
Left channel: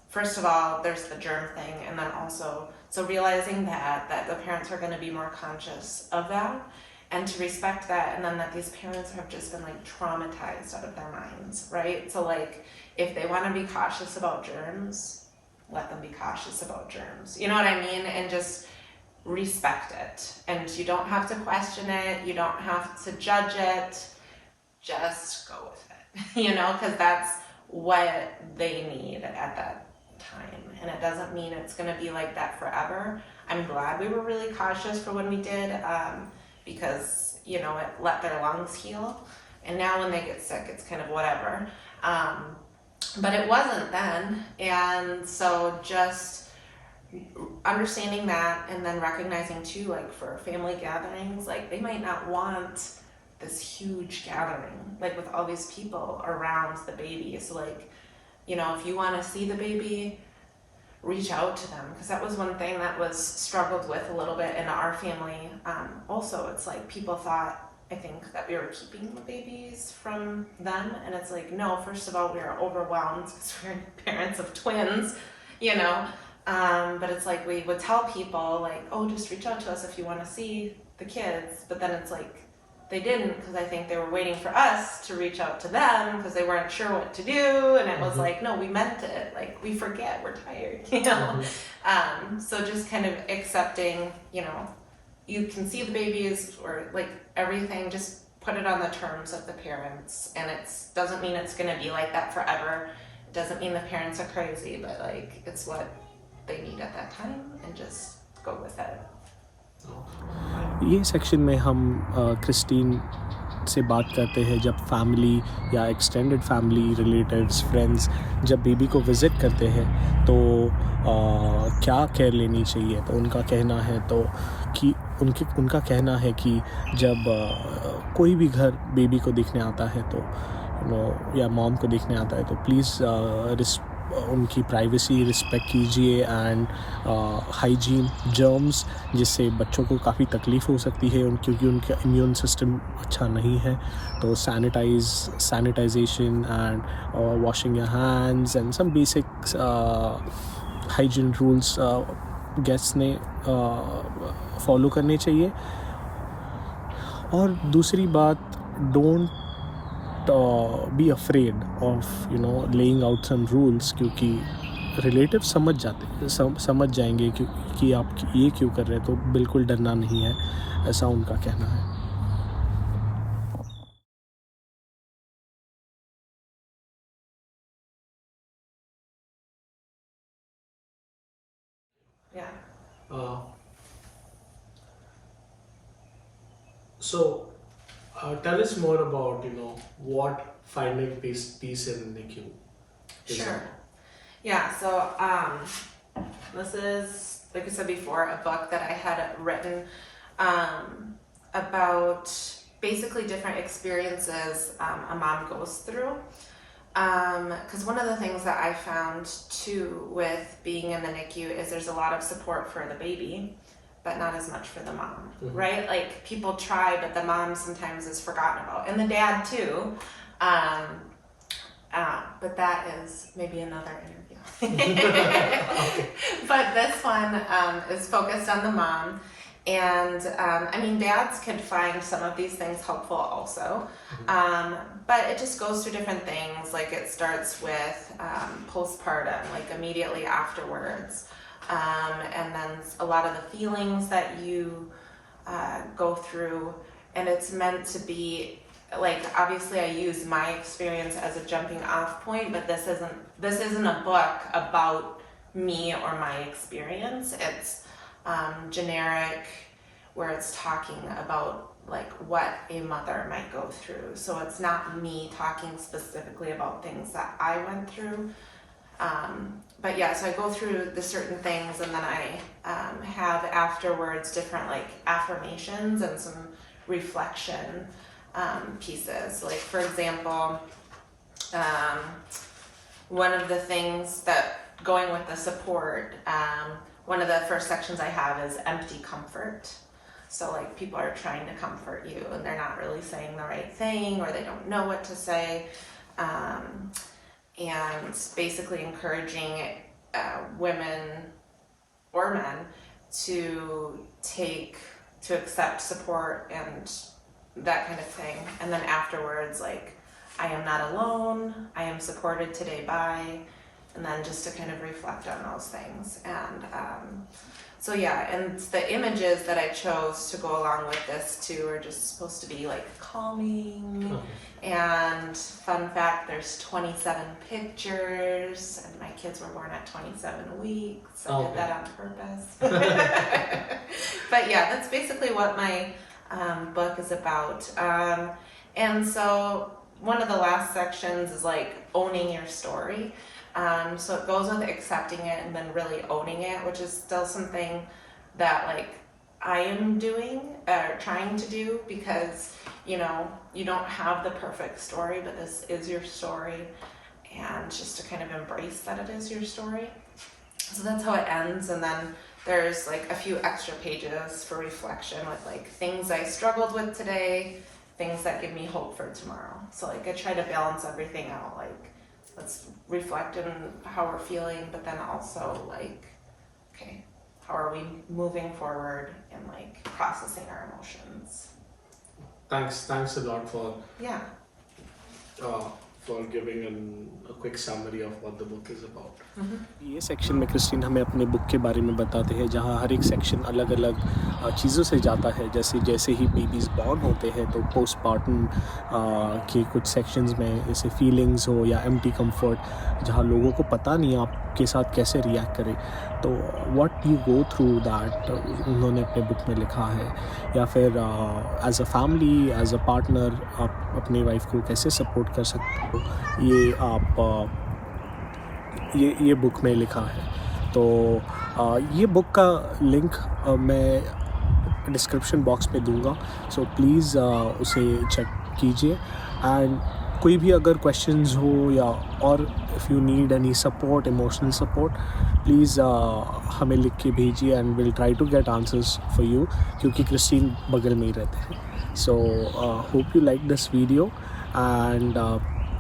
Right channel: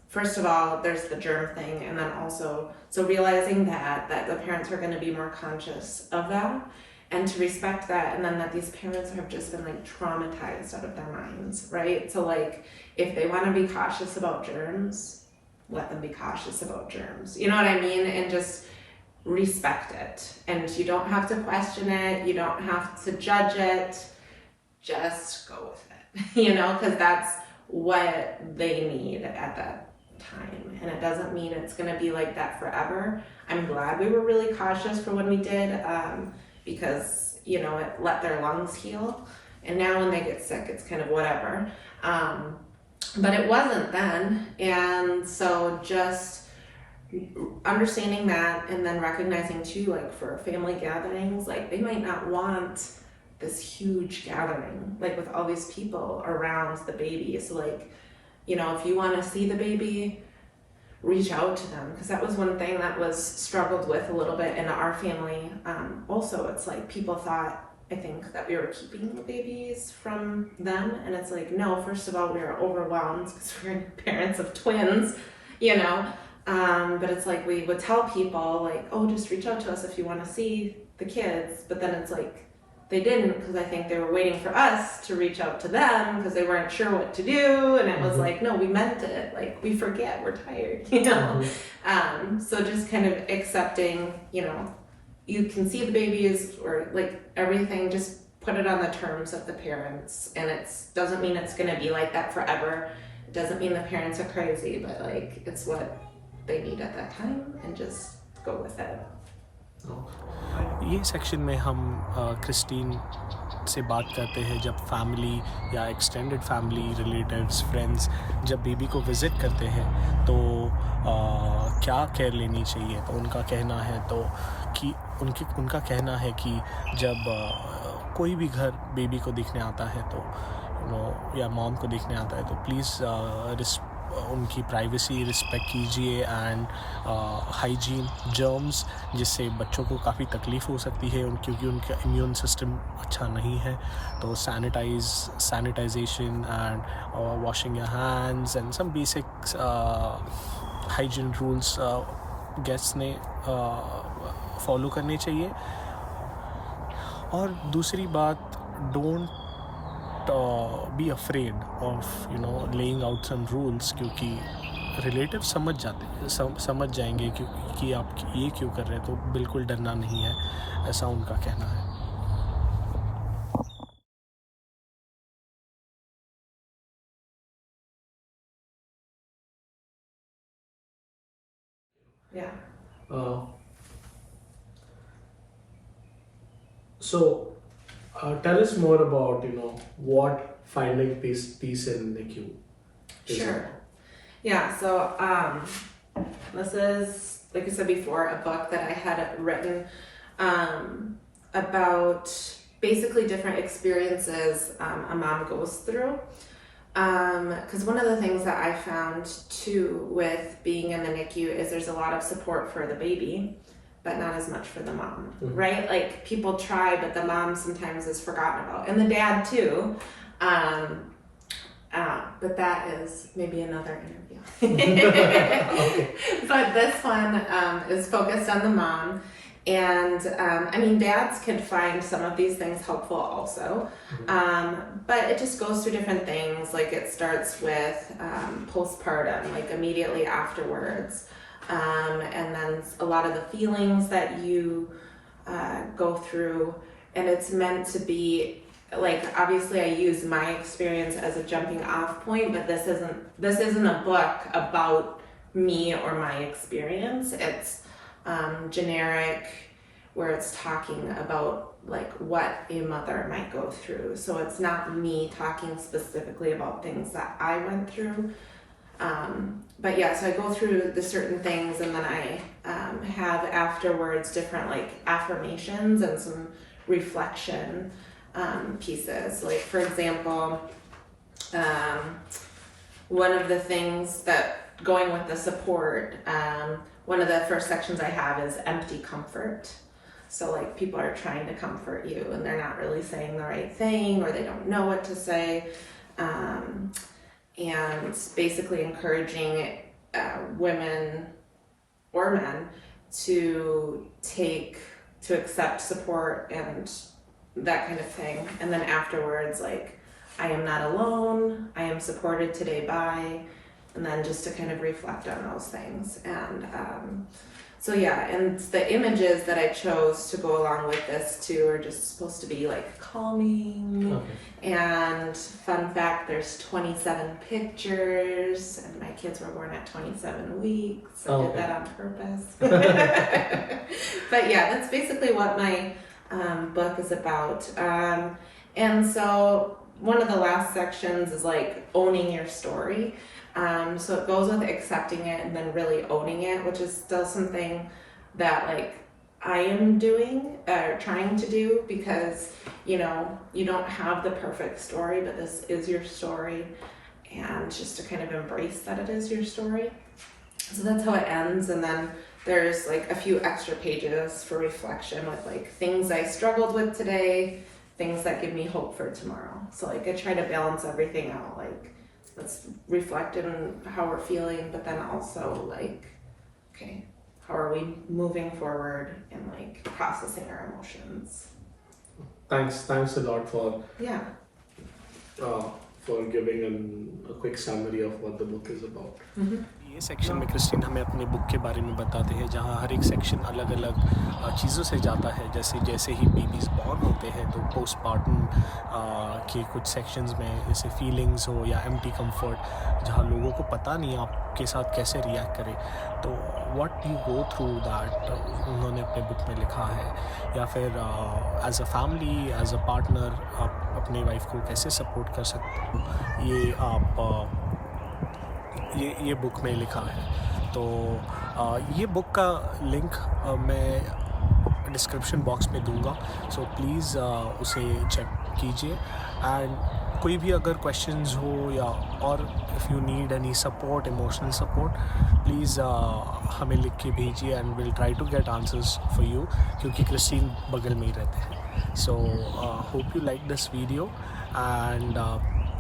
first of all, there's the germ thing, and then also, so realizing that the parents are going to be more conscious of that, and to respect that, and then that these parents have just been like traumatized out of their minds, right? So like, if they want to be cautious about germs, let them be cautious about germs. You know what I mean? And just respect it. And you don't have to question it. You don't have to judge it. Just go with it, because that's what they need at that time. And it doesn't mean it's going to be like that forever. I'm glad we were really cautious for when we did, because, it let their lungs heal. And now when they get sick, it's kind of whatever. But it wasn't then. And so just understanding that, and then recognizing too, like for family gatherings, like they might not want this huge gathering, like with all these people around the baby. So like, if you want to see the baby, reach out to them, because that was one thing that was struggled with a little bit in our family. Also, it's like people thought, I think, that we were keeping the babies from them, and it's like, no, first of all, we were overwhelmed because we're parents of twins, you know. But it's like we would tell people like, oh, just reach out to us if you want to see the kids, but then it's like they didn't, because I think they were waiting for us to reach out to them because they weren't sure what to do, and it was like, no, we meant it, like we forget, we're tired, you know. So just kind of accepting, you know, you can see the babies or like everything, just put it on the terms of the parents, and it doesn't mean it's going to be like that forever. It doesn't mean the parents are crazy, but like it's what they need at that time, and just go with it. ये section में हम Christine से बात करते हैं जब family या extended family, relatives, friends जब बेबी को विज़िट करते हैं तो क्या केयर लेनी चाहिए। तो उनका कहना है उनका कहना है कि जब कोई भी घर बेबी को देखने आता है तो या मॉम को देखने आता है तो प्लीज़ उनकी प्राइवेसी रिस्पेक्ट कीजिए, एंड हाइजीन, जर्म्स, जिससे बच्चों को काफ़ी तकलीफ़ हो सकती है क्योंकि उनका इम्यून सिस्टम अच्छा नहीं है। तो sanitization and washing your hands and some basic hygiene rules guests ने फॉलो करने चाहिए। और दूसरी बात, don't be afraid of laying out some rules, क्योंकि रिलेटिव समझ जाएंगे कि आप ये क्यों कर रहे हैं, तो बिल्कुल डरना नहीं है, ऐसा उनका कहना है। Tell us more about what finding peace in NICU is. Sure. Yeah. So this is, like I said before, a book that I had written about basically different experiences a mom goes through. Because one of the things that I found too with being in the NICU is there's a lot of support for the baby, but not as much for the mom, right? Like people try, but the mom sometimes is forgotten about, and the dad too. But that is maybe another interview. Okay. But this one is focused on the mom, and I mean, dads could find some of these things helpful also, but it just goes through different things. Like it starts with postpartum, like immediately afterwards. And then a lot of the feelings that you go through, and it's meant to be like, obviously I use my experience as a jumping off point, but this isn't a book about me or my experience. It's generic, where it's talking about like what a mother might go through. So it's not me talking specifically about things that I went through. But yeah, so I go through the certain things, and then I have afterwards different like affirmations and some reflection pieces. Like for example, one of the things that going with the support, one of the first sections I have is empty comfort. So like people are trying to comfort you and they're not really saying the right thing, or they don't know what to say. And basically encouraging women or men to accept support and that kind of thing. And then afterwards, like, I am not alone, I am supported today by, and then just to kind of reflect on those things. And so yeah, and the images that I chose to go along with this too are just supposed to be like calming. Okay. And fun fact, there's 27 pictures, and my kids were born at 27 weeks. I did that on purpose. But yeah, that's basically what my book is about. And so one of the last sections is like owning your story. So it goes with accepting it and then really owning it, which is still something that like I am doing or trying to do, because you don't have the perfect story, but this is your story, and just to kind of embrace that it is your story. So that's how it ends, and then there's like a few extra pages for reflection with like things I struggled with today, things that give me hope for tomorrow. So like I try to balance everything out, like let's reflect on how we're feeling, but then also like, okay, how are we moving forward and like processing our emotions. Thanks a lot for giving a quick summary of what the book is about. ये section में Christine हमें अपने book के बारे में बताते हैं, जहाँ हर एक सेक्शन अलग अलग चीज़ों से जाता है. जैसे ही बेबीज़ बॉर्न होते हैं तो पोस्टपार्टम के कुछ सेक्शंस में जैसे फीलिंग्स हो या एम्प्टी कंफर्ट, जहाँ लोगों को पता नहीं आपके साथ कैसे रिएक्ट करें, तो what you go through that उन्होंने अपने बुक में लिखा है. या फिर as a family, as a partner आप अपनी वाइफ को कैसे सपोर्ट कर सकते हो, ये आप ये बुक में लिखा है. तो ये बुक का लिंक मैं डिस्क्रिप्शन बॉक्स में दूंगा, सो प्लीज़ उसे चेक कीजिए. एंड कोई भी अगर क्वेश्चंस हो या और if you need any support, emotional support, please हमें लिख के भेजिए and will try to get answers for you, क्योंकि क्रिस्टीन बगल में ही रहते हैं. So hope you like this video and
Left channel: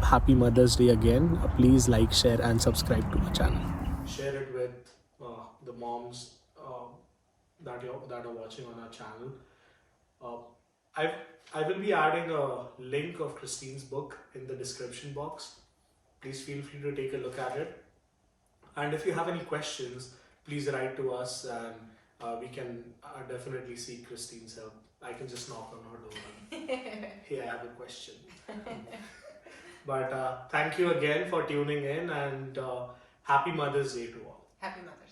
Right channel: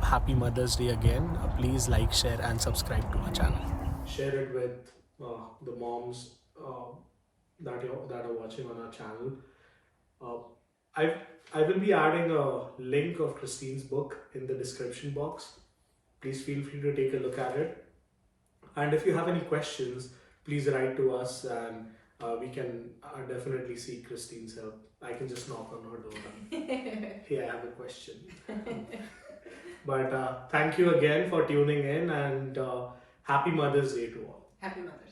happy Mother's Day again. Please like, share and subscribe to our channel. Share it with the moms that are watching on our channel. I will be adding a link of Kristine's book in the description box. Please feel free to take a look at it. And if you have any questions, please write to us and we can definitely seek Kristine's help. I can just knock on her door and hey, I have a question. But thank you again for tuning in, and happy Mother's Day to all. Happy Mother's Day.